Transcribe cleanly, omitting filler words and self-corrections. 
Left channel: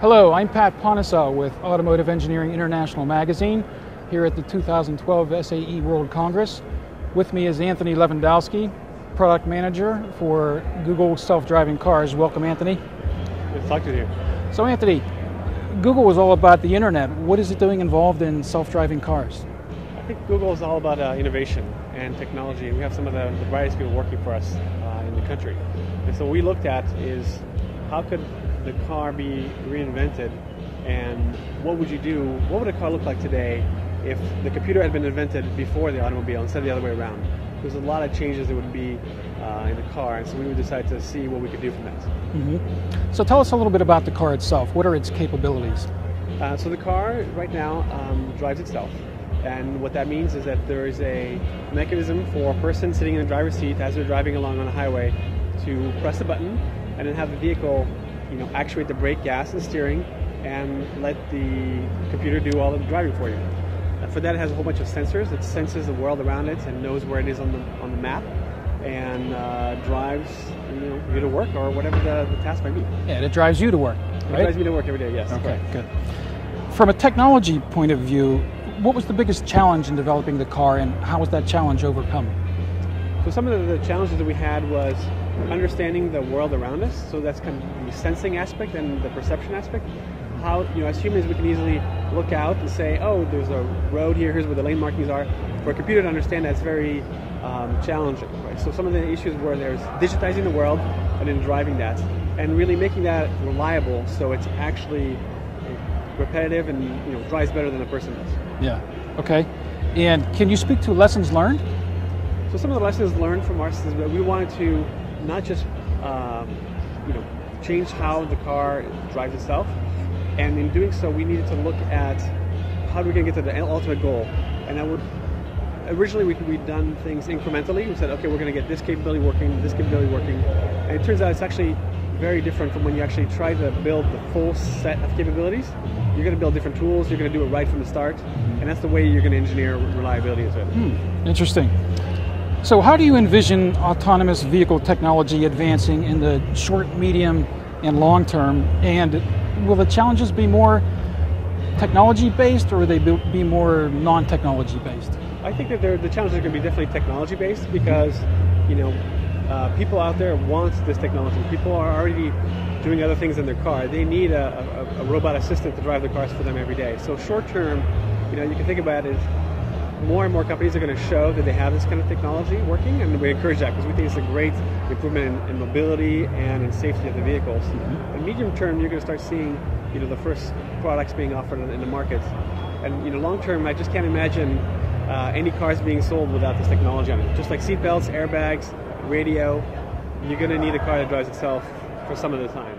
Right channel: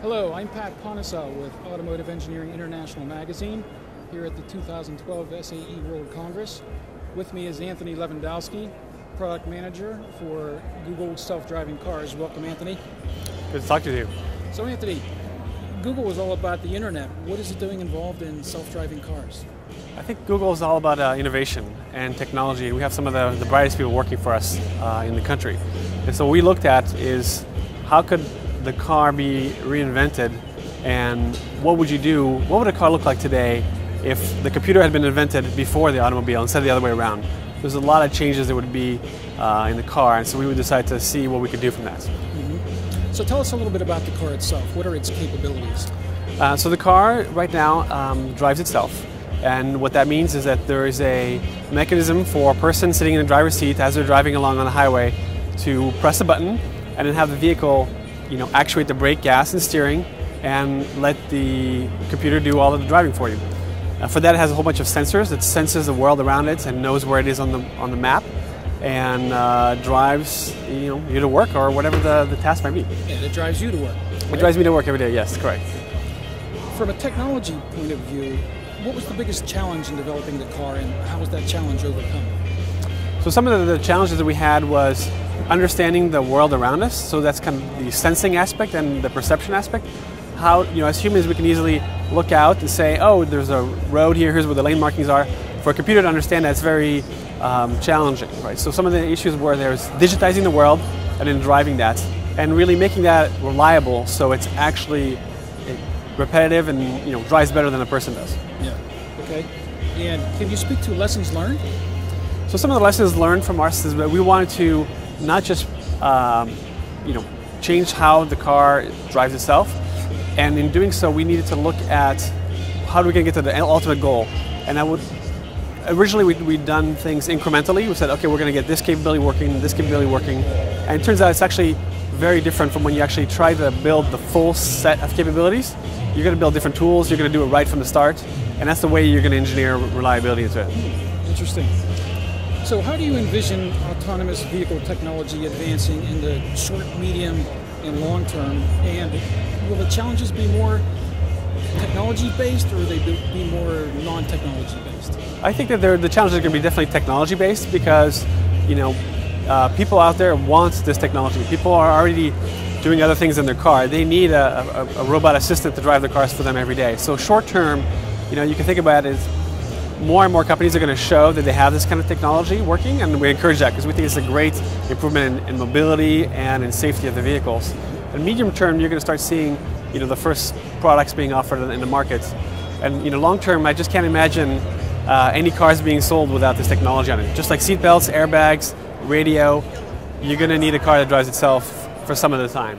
Hello, I'm Pat Ponticel with Automotive Engineering International Magazine here at the 2012 SAE World Congress. With me is Anthony Levandowski, Product Manager for Google Self-Driving Cars. Welcome, Anthony. Good to talk to you. So, Anthony, Google is all about the internet. What is it doing involved in self-driving cars? I think Google is all about innovation and technology. We have some of the brightest people working for us in the country. And so what we looked at is how could the car be reinvented, and what would you do? What would a car look like today if the computer had been invented before the automobile instead of the other way around? There's a lot of changes that would be in the car, and so we would decide to see what we could do from that. Mm-hmm. So tell us a little bit about the car itself. What are its capabilities? So the car right now drives itself, and what that means is that there is a mechanism for a person sitting in the driver's seat as they're driving along on the highway to press a button and then have the vehicle actuate the brake, gas, and steering, and let the computer do all of the driving for you. For that, it has a whole bunch of sensors that senses the world around it and knows where it is on the map, and drives you to work or whatever the task might be. And it drives you to work, right? It drives me to work every day, yes, Okay, correct. Good. From a technology point of view, what was the biggest challenge in developing the car, and how was that challenge overcome? So some of the challenges that we had was understanding the world around us. So that's kind of the sensing aspect and the perception aspect. How, as humans, we can easily look out and say, oh, there's a road here, here's where the lane markings are. For a computer to understand, that's very challenging, right? So some of the issues were there's digitizing the world and then driving that, and really making that reliable so it's actually repetitive and drives better than a person does. Yeah. Okay. And can you speak to lessons learned? So some of the lessons learned from us is that we wanted to not just change how the car drives itself, and in doing so we needed to look at how do we get to the ultimate goal. And originally we'd done things incrementally. We said, okay, we're going to get this capability working, and it turns out it's actually very different from when you actually try to build the full set of capabilities. You're going to build different tools, you're going to do it right from the start, and that's the way you're going to engineer reliability into it. Interesting. So how do you envision autonomous vehicle technology advancing in the short, medium, and long term? And will the challenges be more technology-based, or will they be more non-technology based? I think that the challenges are going to be definitely technology-based, because people out there want this technology. People are already doing other things in their car. They need a robot assistant to drive the cars for them every day. So short term, you can think about it as more and more companies are going to show that they have this kind of technology working, and we encourage that because we think it's a great improvement in mobility and in safety of the vehicles. In medium term, you're going to start seeing the first products being offered in the market. And long term, I just can't imagine any cars being sold without this technology on it. Just like seat belts, airbags, radio, you're going to need a car that drives itself for some of the time.